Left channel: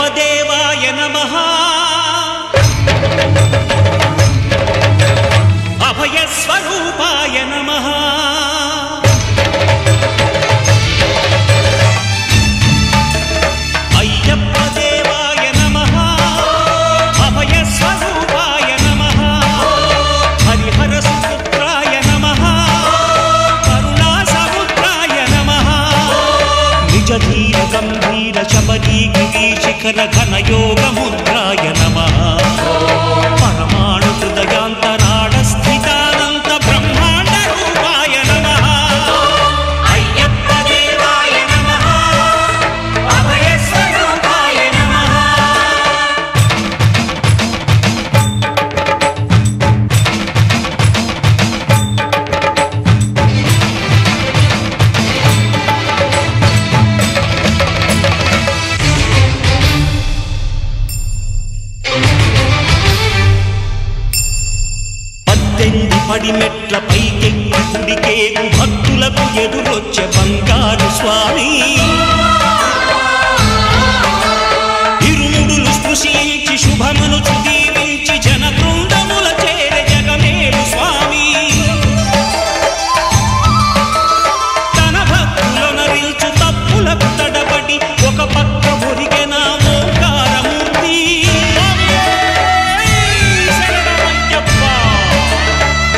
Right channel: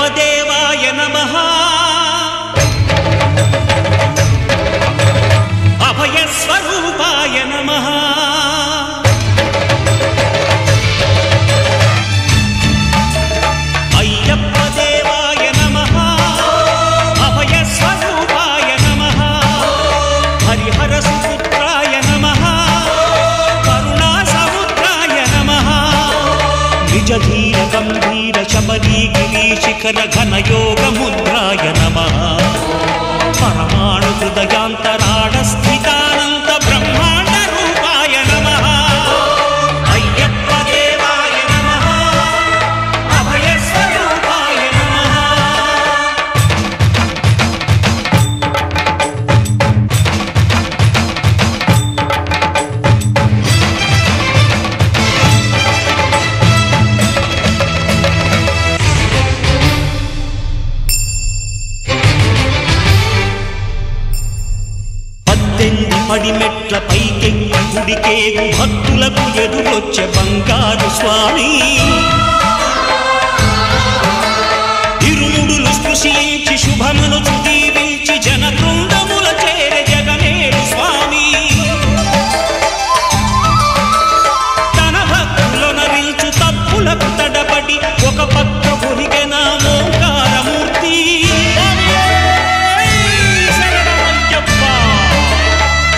అయ్యప్ప దేవాయ నమః అభయ స్వరూపాయ నమః అయ్యప్ప దేవాయ నమః అభయ స్వరూపాయ నమః హరిహర సుపుత్రాయ నమః కరుణా సముద్రాయ నమః నిజ ధీర గంభీర శబరీ గిరి శిఖర ఘన యోగ ముద్రాయ నమః పరమాణు హృదయాంతరాడ స్థితానంత బ్రహ్మాండ రూపాయ నమః అయ్యప్ప దేవాయ నమః అభయ స్వరూపాయ నమః పడిమెట్ల పైకెక్కి గుడికేగు భక్తులకు ఎదురొచ్చే బంగారు స్వామి ఇరుముడులు స్పృశించి శుభమనుచు దీవించి జన బృందముల చేరే జగమేలు స్వామి తన భక్తులనరిల్చు తప్పులకు తడబడి ఒక పక్క ఒరిగెన ఓంకారమూర్తి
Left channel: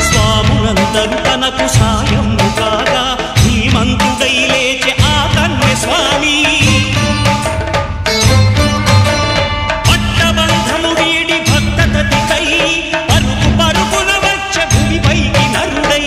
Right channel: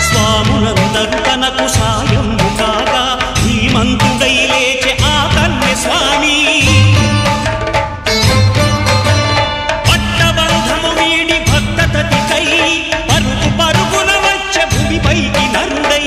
స్వాములందరూ తనకు సాయము కాగా ధీమంతుడై లేచే ఆ కన్య స్వామి పట్టబంధము వీడి భక్తతతికై పరుగు పరుగున వచ్చే భూమిపైకి నరుడై